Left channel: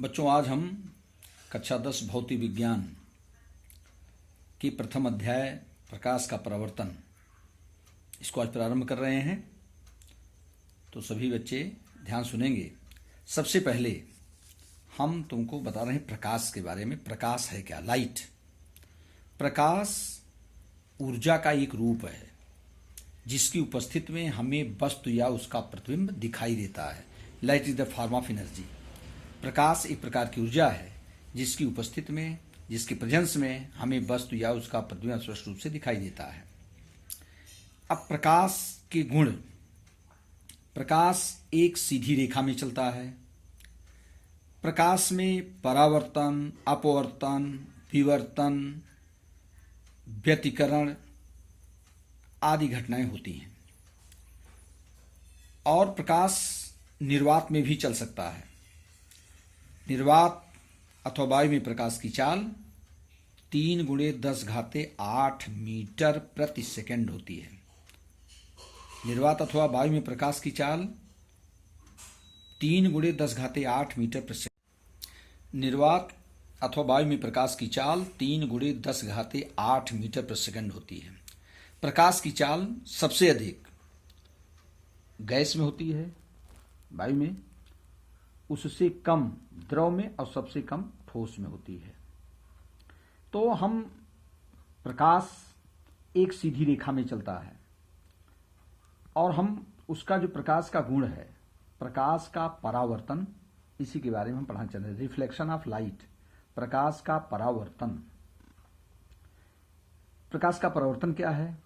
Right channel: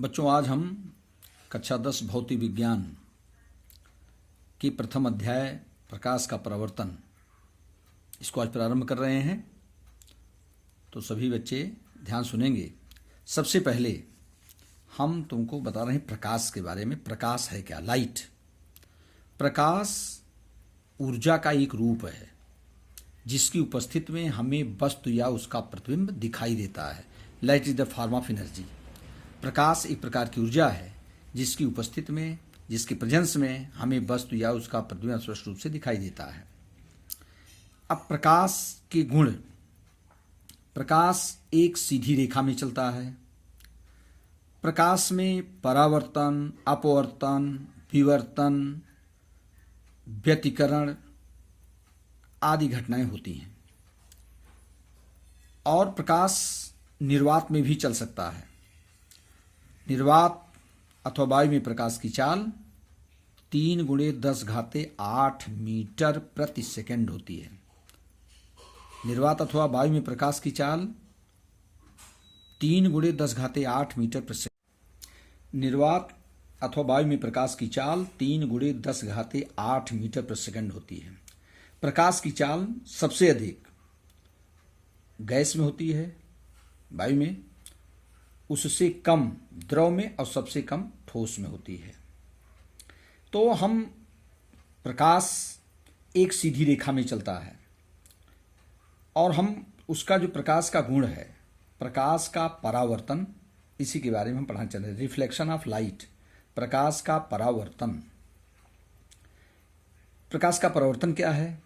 बच्चों, आज हम कक्षा 10 भौतिक विज्ञान की प्रथम अध्याय प्रकाश का परावर्तन इसको आज प्रारंभ कर रहे हैं। तो सभी बच्चे ध्यान सुनेंगे। सबसे पहले हम तुमको बता रहे हैं प्रकाश के बारे में। प्रकाश है क्या? लाइट। प्रकाश ऊर्जा का एक रूप है जिसकी उपस्थिति में हमें वस्तु या उसका प्रतिबिंब दिखाई देता है। Light is the form of energy. प्रकाश एक प्रकार की ऊर्जा है जिसकी उपस्थिति में, जिसकी प्रेजेंस में हमें वस्तु या उसका प्रतिबिंब स्पष्ट रूप से दिखाई देता है। अब प्रकाश के गुण। प्रकाश एक सीधी रेखा में चलता है। प्रकाश में परावर्तन, अपवर्तन, विवर्तन, व्यतिकरण आदि घटनाएं होती हैं। और प्रकाश निर्वात में भी चल सकता है। निर्वात अथवा वायु में प्रकाश की चाल 3 × 10⁸ मीटर प्रति सेकंड होती है। निर्वात अथवा वायु में प्रकाश की चाल 3 × 10⁸ मीटर प्रति सेकंड। निर्वात अथवा वायु में प्रकाश की चाल 3 × 10⁸ मीटर प्रति सेकंड होती है। प्रकाश की चाल सबसे अधिक गैस में होती है, वायु में, उससे कम द्रव में और सबसे कम ठोस में होती है। तो हम प्रकाश एक सीधी रेखा में चलता है और हम उसका जो प्रकाश का गुण है, प्रकाश का परावर्तन, इसी के बारे में हम पढ़ना चाहते हैं। रिफ्लेक्शन ऑफ लाइट, प्रकाश का परावर्तन। प्रकाश का परावर्तन क्या है?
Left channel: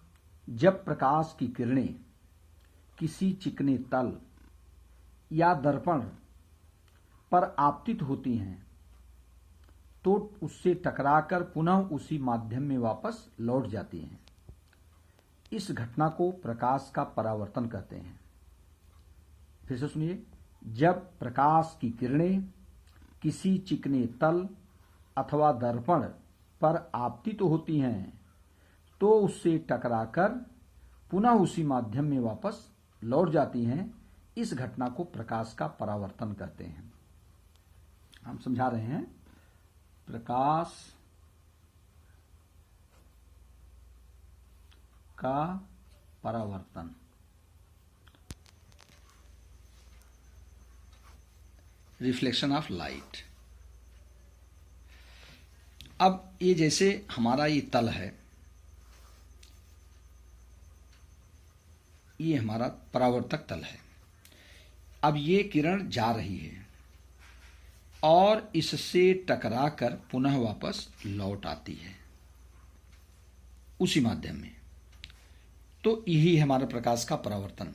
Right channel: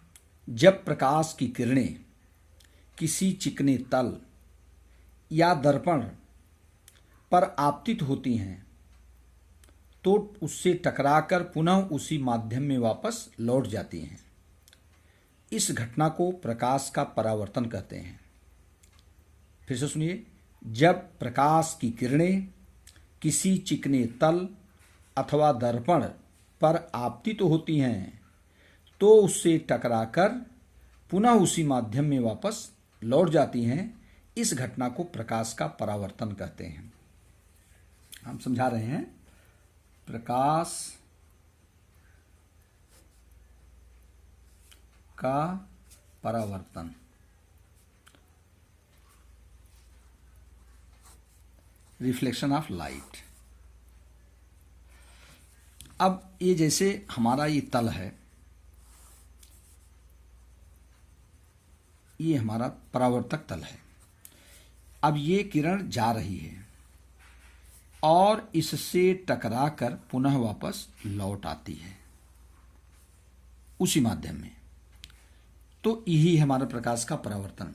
जब प्रकाश की किरणें किसी चिकने तल या दर्पण पर आपतित होती हैं तो उससे टकराकर पुनः उसी माध्यम में वापस लौट जाती हैं। इस घटना को प्रकाश का परावर्तन कहते हैं। फिर से सुनिए। जब प्रकाश की किरणें किसी चिकने तल अथवा दर्पण पर आपतित होती हैं तो उससे टकराकर पुनः उसी माध्यम में वापस लौट जाती हैं। इस घटना को प्रकाश का परावर्तन कहते हैं। हम समझा रहे हैं। प्रकाश का परावर्तन। Reflection of light. अब ये जैसे हमारा ये तल है, ये हमारा परावर्तक तल है। अब ये किरण जा रही है और इससे टकराकर पुनः वापस लौट आती है उसी माध्यम में। तो यही है हमारा प्रकाश का परावर्तन।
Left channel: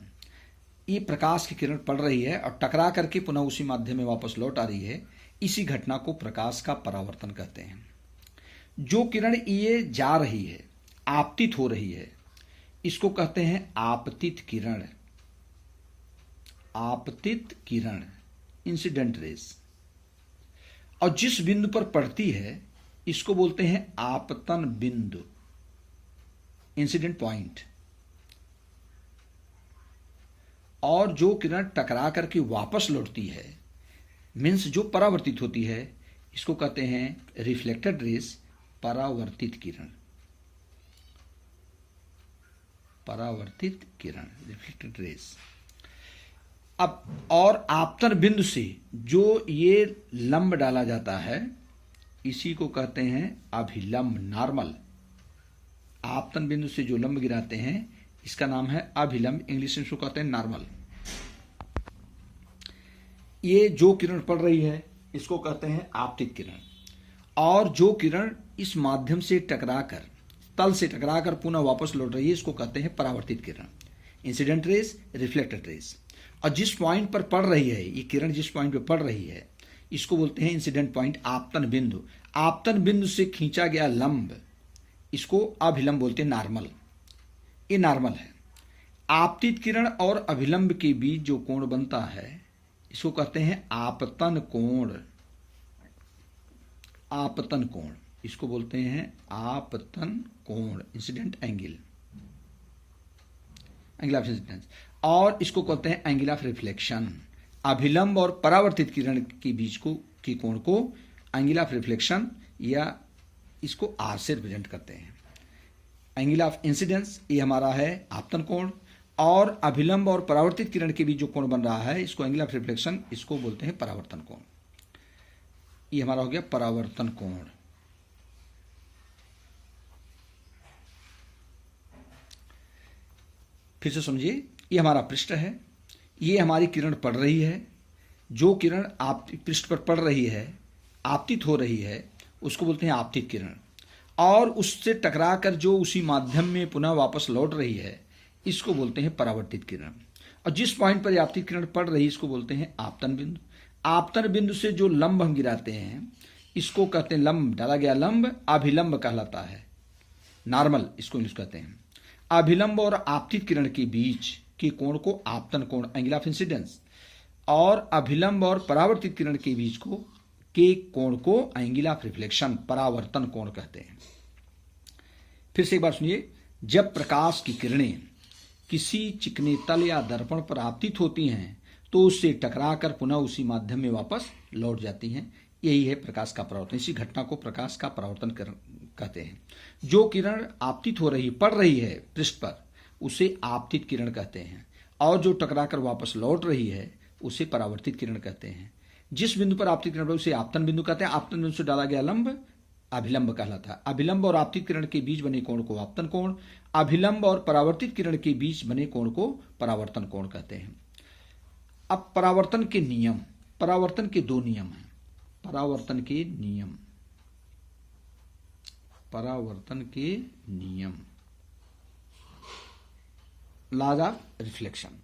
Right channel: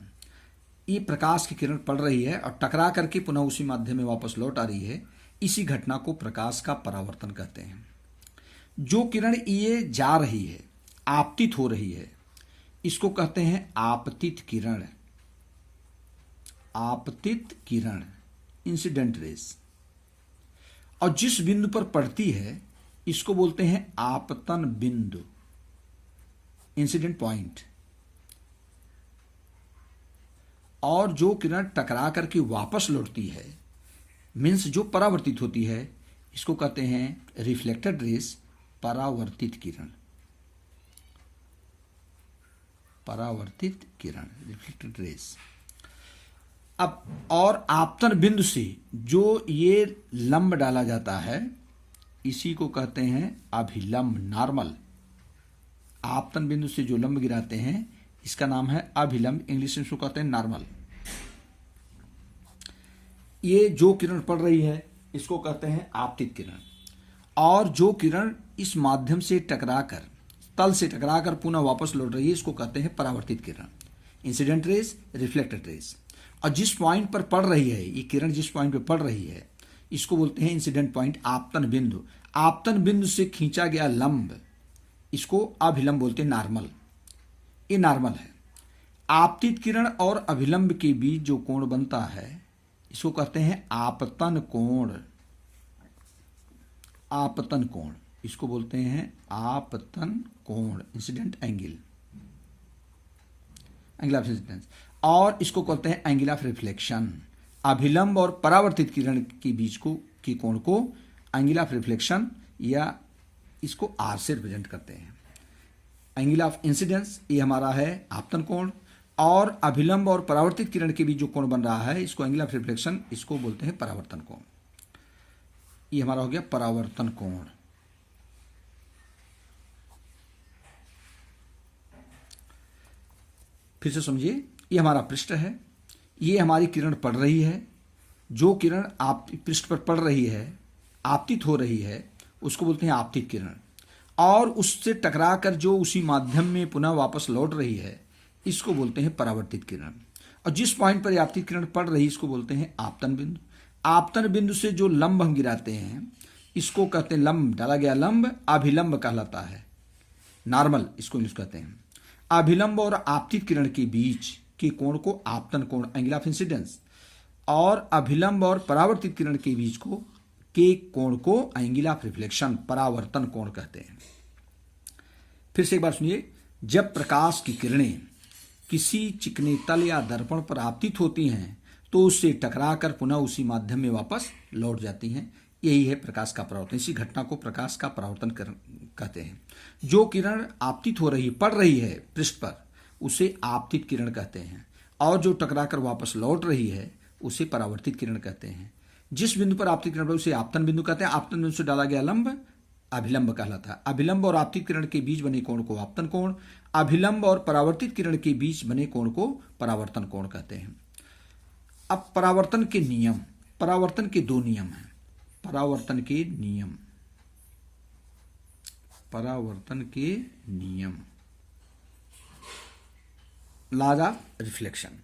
ये प्रकाश की किरण पड़ रही है और टकरा करके पुनः उसी माध्यम में वापस लौट आ रही है। इसी घटना को प्रकाश का परावर्तन कहते हैं। जो किरण ये जा रही है, आपतित हो रही है, इसको कहते हैं आपतित किरण। आपतित किरण, इंसिडेंट रेज। और जिस बिंदु पर पड़ती है इसको बोलते हैं आपतन बिंदु, इंसिडेंट पॉइंट। और जो किरण टकरा करके वापस लौटती है, मीन्स जो परावर्तित होती है, इसको कहते हैं रिफ्लेक्टेड रेज, परावर्तित किरण। परावर्तित किरण, रिफ्लेक्टेड रेज। अब और आपतन बिंदु से जो ये लंब डाला जाता है, इसी को कहते हैं अभिलंब, नॉर्मल। आपतन बिंदु से जो लंब गिराते हैं इसका नाम है अभिलंब, इंग्लिश में इसको कहते हैं नॉर्मल। ये जो किरण पड़ रही है इसको कहते हैं आपतित किरण। और जो किरण इस माध्यम से टकराकर, तल से टकराकर पुनः वापस लौट रही है, इसको कहते हैं परावर्तित किरण, इंसिडेंट रेज, रिफ्लेक्टेड रेज। और जिस पॉइंट पर पड़ रही है ये किरण, जिस पॉइंट पर पड़ रही है, इसको बोलते हैं इंसिडेंट पॉइंट, आपतन बिंदु। आपतन बिंदु से खींचा गया लंब, इसको अभिलंब बोलते हैं, नॉर्मल। ये नॉर्मल है। आपतित किरण और अभिलंब के बीच जो कोण बनता है इसको कहते हैं आपतन कोण। आपतन कोण, इसको बोलते हैं आपतन कोण, incident angle, angle of incidence. और इसको कहते हैं एंगल ऑफ रिफ्लेक्शन। अभिलंब और परावर्तित किरण के बीच के कोण को एंगल ऑफ रिफ्लेक्शन या इसको आर से रिप्रेजेंट करते हैं। एंगल ऑफ इंसिडेंस ये हमारा है आपतन कोण, और अभिलंब और परावर्तित किरण के बीच जो कोण बन रहा है इसको एंगल ऑफ रिफ्लेक्शन, इसको बोलते हैं परावर्तन कोण। ये हमारा हो गया परावर्तन कोण। फिर से समझिए, ये हमारा पृष्ठ है, ये हमारी किरण पड़ रही है, जो किरण आप पृष्ठ पर पड़ रही है, आपतित हो रही है, उसको बोलते हैं आपतित किरण, और उससे टकराकर जो उसी माध्यम में पुनः वापस लौट रही है इसको बोलते हैं परावर्तित किरण। और जिस पॉइंट पर आपतित किरण पड़ रही है इसको बोलते हैं आपतन बिंदु। आपतन बिंदु से जो लंब हम गिराते हैं इसको कहते हैं लंब, डाला गया लंब अभिलंब कहलाता है, नॉर्मल इसको इंग्लिश कहते हैं। अभिलंब और आपतित किरण के बीच के कोण को आपतन कोण, एंगल ऑफ इंसिडेंस, और अभिलंब और परावर्तित किरण के बीच के कोण को एंगल ऑफ रिफ्लेक्शन, परावर्तन कोण कहते हैं। फिर से एक बार सुनिए, जब प्रकाश की किरणें किसी चिकने तल या दर्पण पर आपतित होती हैं तो उससे टकराकर पुनः उसी माध्यम में वापस लौट जाती हैं। यही है प्रकाश का परावर्तन। इसी घटना को प्रकाश का परावर्तन कहते हैं। जो किरण आपतित हो रही, पड़ रही है पृष्ठ पर, उसे आपतित किरण कहते हैं, और जो टकराकर वापस लौट रही है उसे परावर्तित किरण कहते हैं। जिस बिंदु पर आपतित किरण उसे आपतन बिंदु कहते हैं। आपतन बिंदु से डाला गया लंब अभिलंब कहलाता है। अभिलंब और आपतित किरण के बीच बने कोण को आपतन कोण, अभिलंब और परावर्तित किरण के बीच बने कोण को परावर्तन कोण कहते हैं। अब परावर्तन के नियम, परावर्तन के दो नियम हैं। परावर्तन के नियम, परावर्तन के नियम, लॉज ऑफ रिफ्लेक्शन।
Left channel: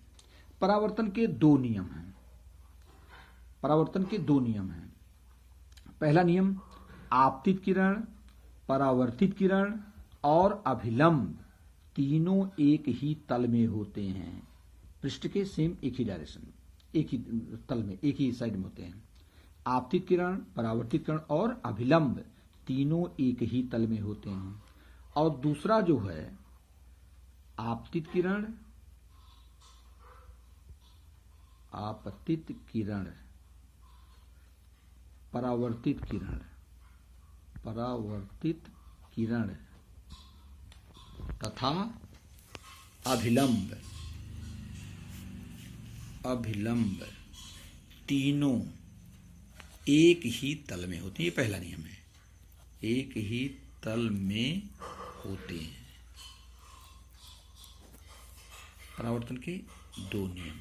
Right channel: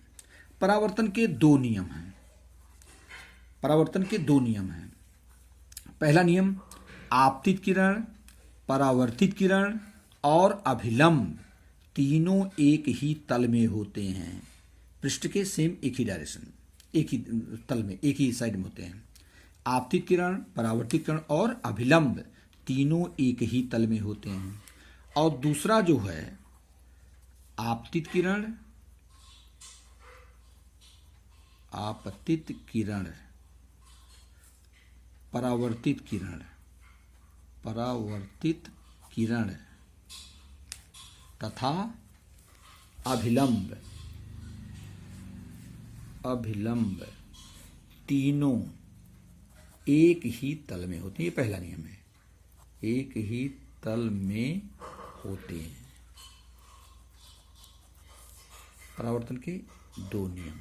परावर्तन के दो नियम हैं। परावर्तन के दो नियम हैं। पहला नियम, आपतित किरण, परावर्तित किरण और अभिलंब तीनों एक ही तल में होते हैं। पृष्ठ के सेम एक ही डायरेक्शन, एक ही तल में, एक ही साइड में होते हैं। आपतित किरण, परावर्तित किरण और अभिलंब तीनों एक ही तल में होते हैं। और दूसरा जो है आपतित किरण, आपतित किरण, परावर्तित किरण, परावर्तित किरण तथा अभिलंब, अभिलंब तीनों एक ही तल में होते हैं। ये पहला नियम है, एक ही तल में होते हैं। परावर्तन के दो नियम।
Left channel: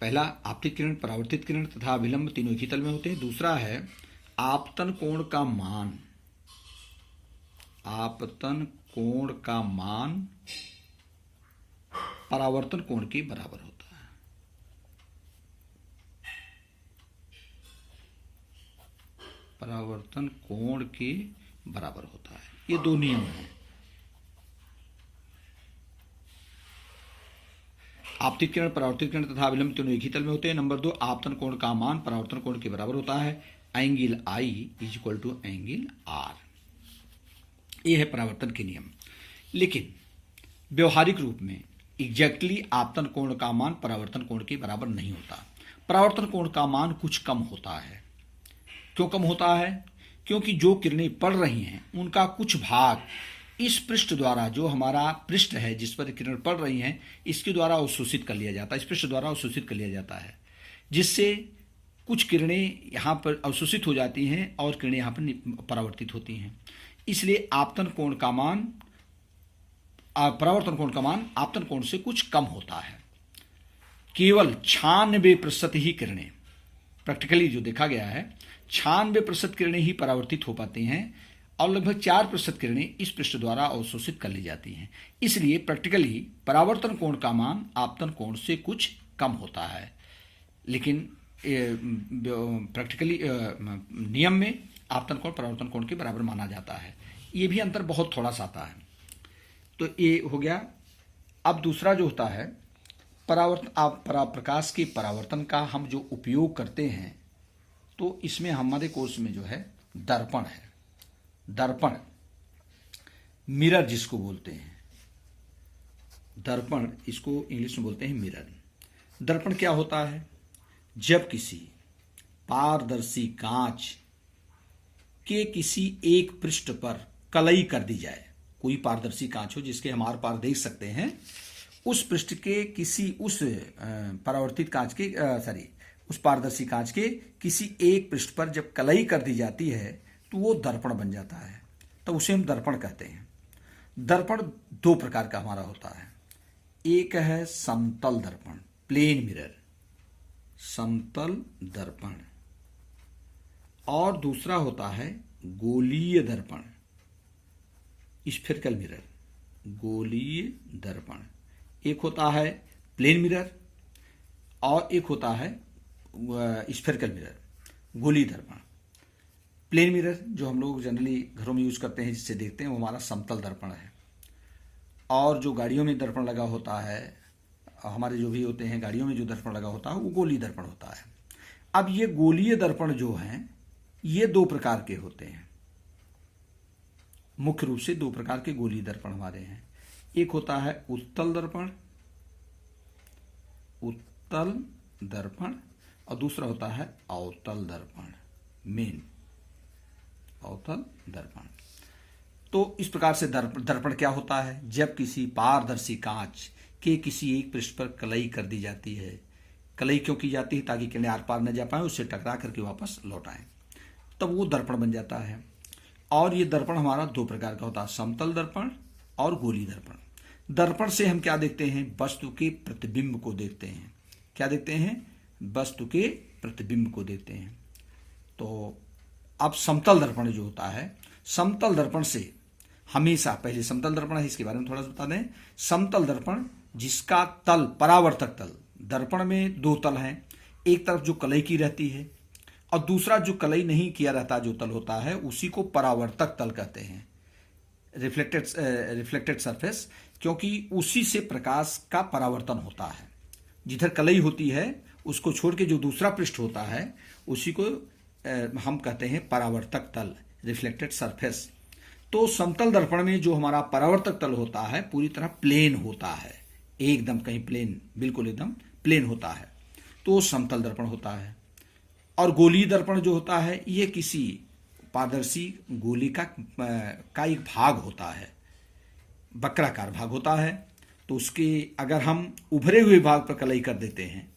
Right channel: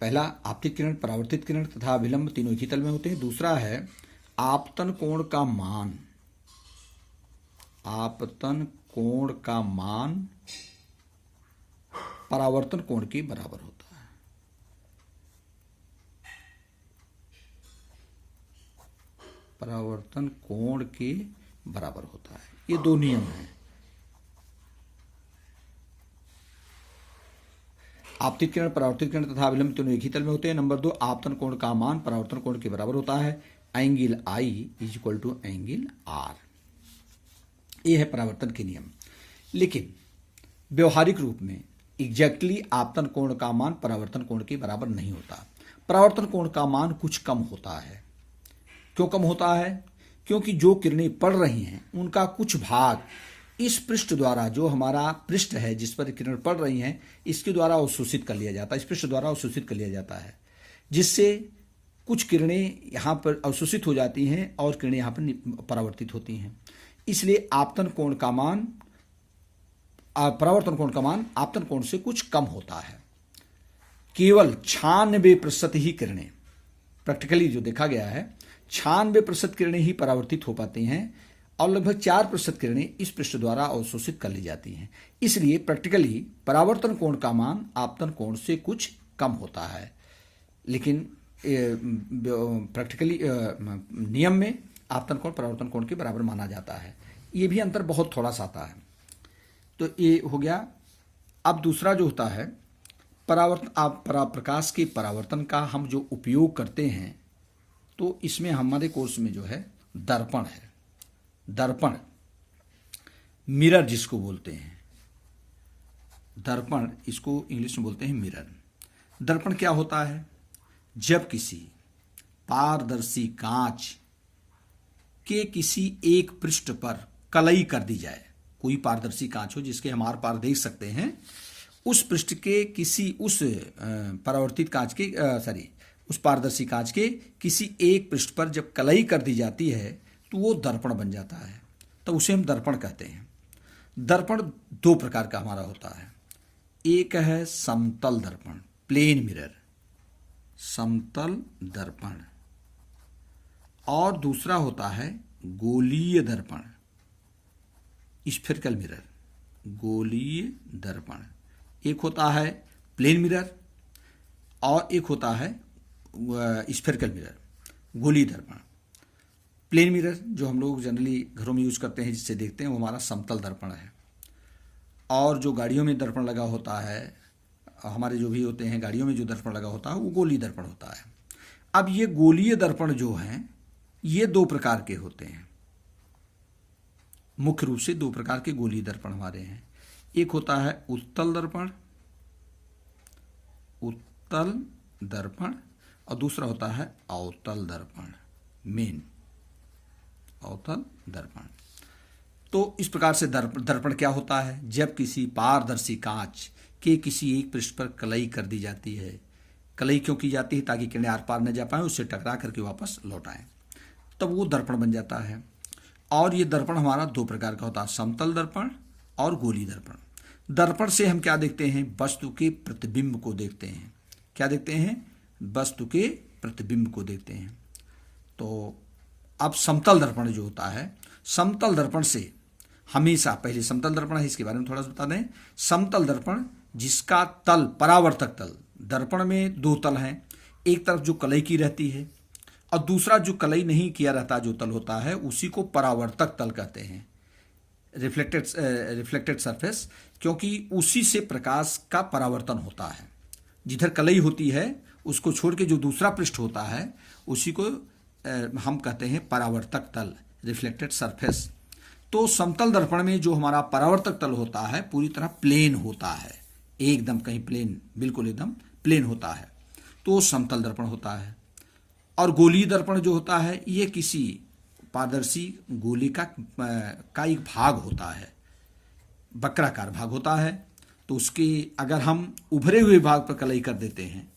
पहला, आपतित किरण, परावर्तित किरण तथा अभिलंब तीनों एक ही तल में होते हैं। दूसरा है आपतन कोण का मान, आपतन कोण का मान परावर्तन कोण के बराबर होता है। परावर्तन कोण के बराबर होता है। ये दो नियम हैं। आपतित किरण, परावर्तित किरण तथा अभिलंब तीनों एक ही तल में होते हैं। नंबर 2, आपतन कोण का मान परावर्तन कोण के बराबर होता है। Angle I is equal to angle R। यह है परावर्तन के नियम। लेकिन व्यवहारिक रूप में एग्जैक्टली आपतन कोण का मान परावर्तन कोण के बराबर नहीं होता। परावर्तन कोण का मान कुछ कम होता है। क्यों कम होता है? क्योंकि जो किरणें पड़ रही हैं उनका कुछ भाग इस पृष्ठ द्वारा, जो हमारा पृष्ठ है जिस पर किरण पड़ रही हैं, इसके द्वारा अवशोषित कर लिया जाता है, इस पृष्ठ द्वारा अवशोषित कर लिया जाता है, जिससे कुछ किरणें यहाँ पर अवशोषित हो जाती हैं और किरणें यहाँ पर परावर्तित होती हैं। इसलिए आपतन कोण का मान, परावर्तन कोण का मान आपतन कोण से कुछ कम होता है। केवल 96% ही किरणें, प्रैक्टिकली जो देखा गया है, 96% किरणें ही परावर्तित हो पाती हैं और लगभग 4% किरणें इस पृष्ठ द्वारा अवशोषित कर ली जाती हैं। इसलिए प्रैक्टिकली परावर्तन कोण का मान आपतन कोण से कुछ कम होता है, लेकिन प्रैक्टिकली नियम में आपतन कोण परावर्तन कोण के बराबर माना जाता है। ये भी अंतर बहुत थोड़ा सा आता है। तो ये हो गया। अब दूसरा जो होता है परावर्तन, प्रकाश के परावर्तन का हम जो उपयोग करते हैं, तो इसमें हमारे कोर्स में जो है दर्पण है। दर्पण, मिरर जिसको बोलते हैं, दर्पण, इसको इंग्लिश में बोलते हैं मिरर। दर्पण क्या होता है? जब किसी पारदर्शी कांच के किसी एक पृष्ठ पर कलई कर दी जाए, कोई पारदर्शी कांच हो जिसके हम आर पार देख सकते हैं, उस पृष्ठ के किसी उस परावर्तित कांच के उस पारदर्शी कांच के किसी एक पृष्ठ पर जब कलई कर दी जाती है तो वो दर्पण बन जाता है, तो उसे हम दर्पण कहते हैं। दर्पण दो प्रकार का हमारा होता है, एक है समतल दर्पण, प्लेन मिरर, समतल दर्पण, और दूसरा होता है गोलीय दर्पण, स्फेरिकल मिरर, गोलीय दर्पण। एक होता है प्लेन मिरर और एक होता है स्फेरिकल मिरर, गोलीय दर्पण। प्लेन मिरर जो हम लोग जनरली घरों में यूज करते हैं, जिससे देखते हैं, वो हमारा समतल दर्पण है। और जो गाड़ियों में दर्पण लगा होता है, हमारे जो भी होते हैं गाड़ियों में जो दर्पण लगा होता है, वो गोलीय दर्पण होता है। अब ये गोलीय दर्पण जो हैं, ये दो प्रकार के होते हैं, मुख्य रूप से दो प्रकार के गोलीय दर्पण हमारे हैं। एक होता है उत्तल दर्पण, उत्तल दर्पण, और दूसरा होता है अवतल दर्पण, मेन अवतल दर्पण। तो इस प्रकार से दर्पण क्या होता है? जब किसी पारदर्शी कांच के किसी एक पृष्ठ पर कलई कर दी जाती है। कलई क्यों की जाती है? ताकि किरणें आर पार न जा पाए, उससे टकरा करके वापस लौट आए, तब वो दर्पण बन जाता है। और ये दर्पण हमारा दो प्रकार का होता है, समतल दर्पण और गोलीय दर्पण। दर्पण से हम क्या देखते हैं? वस्तु के प्रतिबिंब को देखते हैं। क्या देखते हैं? वस्तु के प्रतिबिंब को देखते हैं। तो अब समतल दर्पण जो होता है, समतल दर्पण से हमेशा, पहले समतल दर्पण है, इसके बारे में थोड़ा सा बता दें। समतल दर्पण जिसका तल, परावर्तक तल, दर्पण में दो तल हैं, एक तरफ जो कलई की रहती है और दूसरा जो कलई नहीं किया रहता जो तल होता है, उसी को परावर्तक तल कहते हैं, रिफ्लेक्टेड सरफेस, क्योंकि उसी से प्रकाश का परावर्तन होता है। जिधर कलई होती है उसको छोड़ के जो दूसरा पृष्ठ होता है, उसी को हम कहते हैं परावर्तक तल, रिफ्लेक्टेड सरफेस। तो समतल दर्पण में जो हमारा परावर्तक तल होता है, पूरी तरह प्लेन होता है, एकदम कहीं प्लेन, बिल्कुल एकदम प्लेन होता है, तो समतल दर्पण होता है। और गोलीय दर्पण जो होता है, ये किसी पारदर्शी गोली का एक भाग होता है, वक्राकार भाग होता है। तो उसके अगर हम उभरे हुए भाग पर कलई कर देते हैं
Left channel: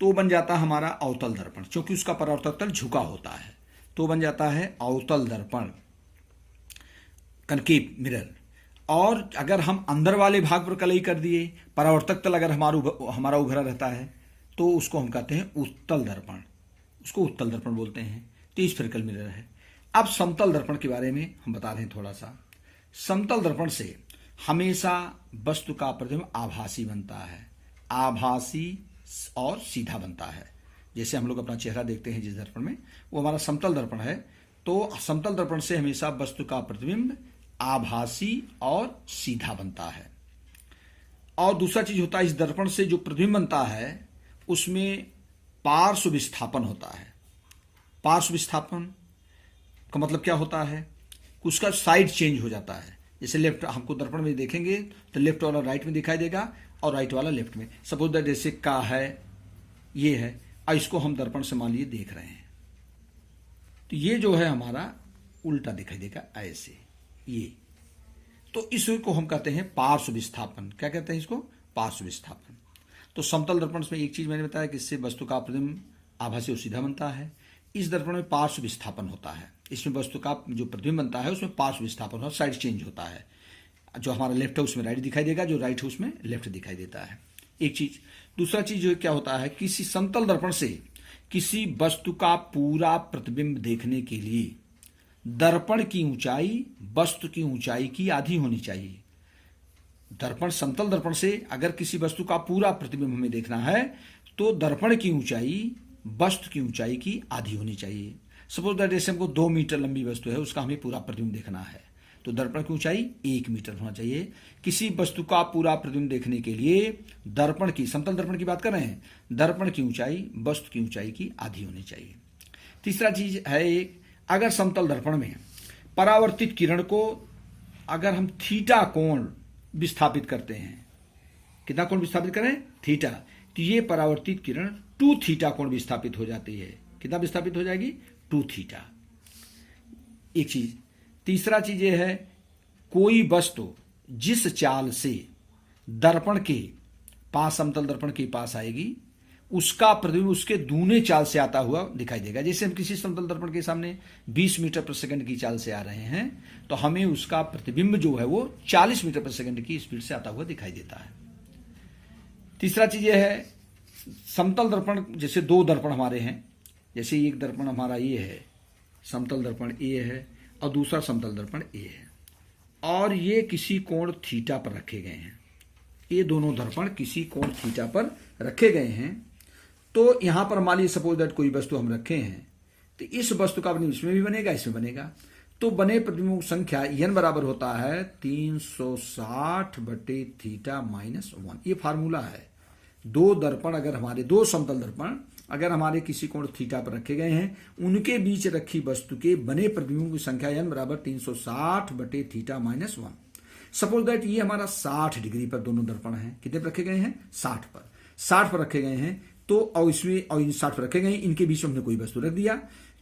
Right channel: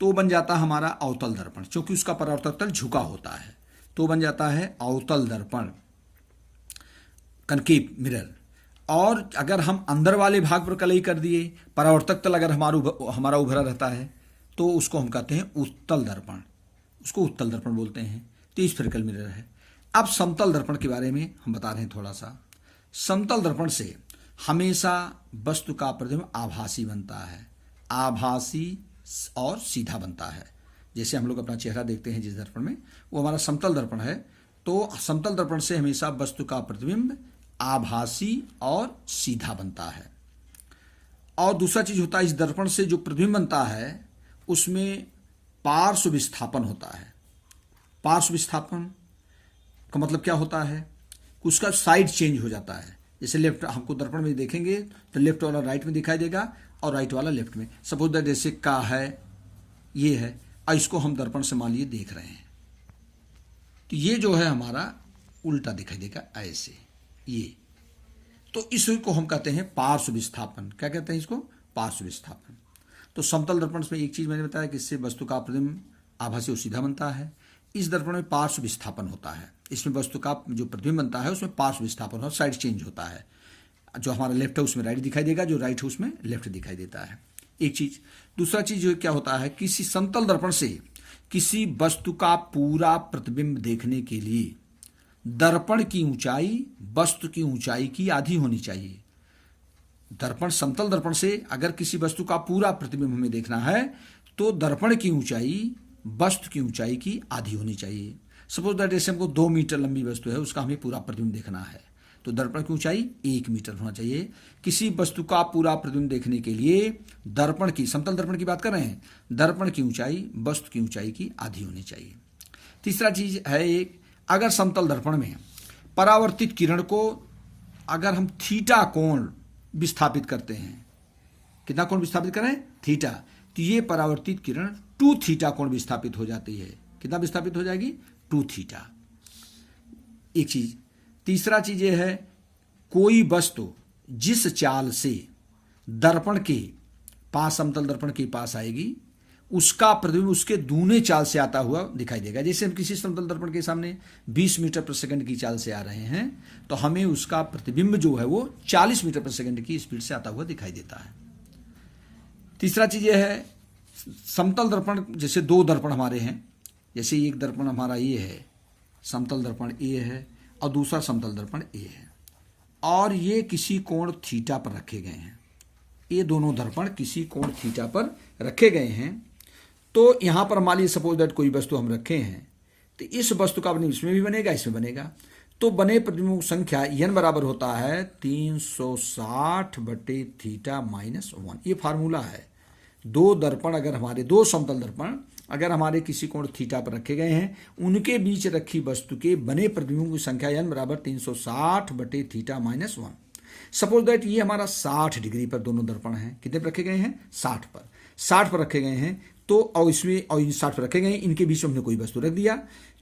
तो बन जाता है हमारा अवतल दर्पण, क्योंकि उसका परावर्तक तल झुका होता है, तो बन जाता है अवतल दर्पण, कनकेव मिरर। और अगर हम अंदर वाले भाग पर कलई कर दिए, परावर्तक तल अगर हमारा उभरा रहता है, तो उसको हम कहते हैं उत्तल दर्पण, उसको उत्तल दर्पण बोलते हैं। तो स्फेरिकल मिरर है। अब समतल दर्पण के बारे में हम बता रहे हैं थोड़ा सा। समतल दर्पण से हमेशा वस्तु का प्रतिबिंब आभासी बनता है, आभासी और सीधा बनता है। जैसे हम लोग अपना चेहरा देखते हैं जिस दर्पण में, वो हमारा समतल दर्पण है। तो समतल दर्पण से हमेशा वस्तु का प्रतिबिंब आभासी और सीधा बनता है। और दूसरा चीज होता है, इस दर्पण से जो प्रतिबिंब बनता है उसमें पार्श्व विस्थापन होता है। पार्श्व विस्थापन का मतलब क्या होता है? उसका साइड चेंज हो जाता है। जैसे लेफ्ट, हमको दर्पण में देखेंगे तो लेफ्ट वाला राइट में दिखाई देगा और राइट वाला लेफ्ट में। सपोज दैट जैसे का है, ये है, और इसको हम दर्पण से मान लिए देख रहे हैं, तो ये जो है हमारा उल्टा दिखाई देगा, ऐसे ये। तो इसको हम कहते हैं पार्श्व विस्थापन। क्या कहते हैं इसको? पार्श्व विस्थापन। तो समतल दर्पण में एक चीज मैंने बताया कि इससे वस्तु का प्रतिबिंब आभासी और सीधा बनता है। इस दर्पण में पार्श्व विस्थापन होता है। इसमें वस्तु का जो प्रतिबिंब बनता है उसमें पार्श्व विस्थापन होता है, साइड चेंज होता है। जो हमारा लेफ्ट है उसमें राइट दिखाई देगा, जो राइट है उसमें लेफ्ट दिखाई देता है, एक चीज। दूसरा चीज जो क्या होता है, किसी समतल दर्पण से किसी वस्तु का पूरा प्रतिबिंब देखने के लिए दर्पण की ऊंचाई वस्तु की ऊंचाई की आधी होनी चाहिए। दर्पण, समतल दर्पण से अगर किसी वस्तु का पूरा प्रतिबिंब हमें देखना है तो दर्पण की ऊंचाई वस्तु की ऊंचाई की आधी होनी चाहिए। सपोज दैट जैसे हमको 2 मीटर लंबी वस्तु है, उसका हमें पूरा प्रतिबिंब देखना है, तो दर्पण की ऊंचाई 1 मीटर होना चाहिए। किसी वस्तु का पूरा प्रतिबिंब देखने के लिए दर्पण की, समतल दर्पण की बात कर रहे हैं, दर्पण की ऊंचाई वस्तु की ऊंचाई की आधी होनी चाहिए। तीसरा चीज है एक, अगर समतल दर्पण में परावर्तित किरण को अगर हम थीटा कोण विस्थापित करते हैं, कितना कोण विस्थापित करें, थीटा। तो ये परावर्तित किरण 2 थीटा कोण विस्थापित हो जाती है। कितना विस्थापित हो जाएगी, 2 थीटा। एक चीज। तीसरा चीज ये है, कोई वस्तु जिस चाल से दर्पण के पास, समतल दर्पण के पास आएगी, उसका प्रतिबिंब उसके दूने चाल से आता हुआ दिखाई देगा। जैसे हम किसी समतल दर्पण के सामने 20 मीटर प्रति सेकंड की चाल से आ रहे हैं, तो हमें उसका प्रतिबिंब जो है वो 40 मीटर प्रति सेकंड की स्पीड से आता हुआ दिखाई देता है। तीसरा चीज यह है, समतल दर्पण, जैसे 2 दर्पण हमारे हैं, जैसे एक दर्पण हमारा ये है, समतल दर्पण ए है, और दूसरा समतल दर्पण ए है, और ये किसी कोण थीटा पर रखे गए हैं। ये दोनों दर्पण किसी कोण थीटा पर रखे गए हैं। तो यहां पर मान लीजिए सपोज दैट कोई वस्तु हम रखे हैं, तो इस वस्तु का प्रतिबिंब इसमें भी बनेगा, इसमें बनेगा। तो बने प्रतिबिंबों की संख्या n बराबर होता है 360 बटे थीटा माइनस 1। ये फार्मूला है। 2 दर्पण अगर हमारे, 2 समतल दर्पण अगर हमारे किसी कोण थीटा पर रखे गए हैं, उनके बीच रखी वस्तु के बने प्रतिबिंबों की संख्या n बराबर 360 बटे थीटा माइनस 1। सपोज दैट ये हमारा 60 डिग्री पर दोनों दर्पण हैं। कितने पर रखे गए हैं, 60 पर। 60 पर रखे गए हैं, तो और इसमें और इन 60 पर रखे गए हैं, इनके बीच में हमने कोई वस्तु रख दिया,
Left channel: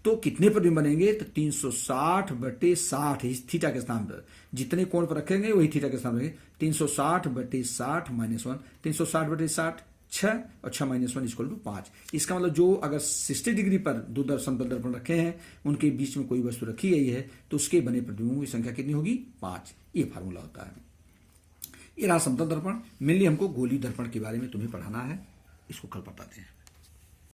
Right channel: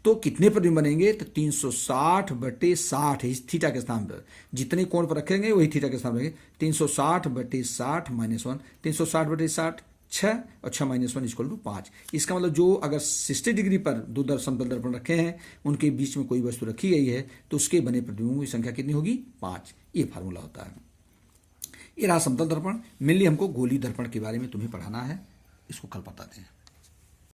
तो कितने प्रतिबिंब बनेंगे, तो 360 बटे 60 इस थीटा के स्थान पर जितने कोण पर रखेंगे वही थीटा के स्थान पर 360 बटे 60 माइनस 1। 360 बटे 60 6, और 6 माइनस 1 इक्वल टू 5। इसका मतलब जो अगर 60 डिग्री पर 2 समतल दर्पण रखे हैं, उनके बीच में कोई वस्तु रखी गई है, तो उसके बने प्रतिबिंबों की संख्या कितनी होगी, 5। ये फार्मूला होता है। ये रहा समतल दर्पण। मेनली हमको गोली दर्पण के बारे में तुम्हें पढ़ाना है, इसको कल बताते हैं।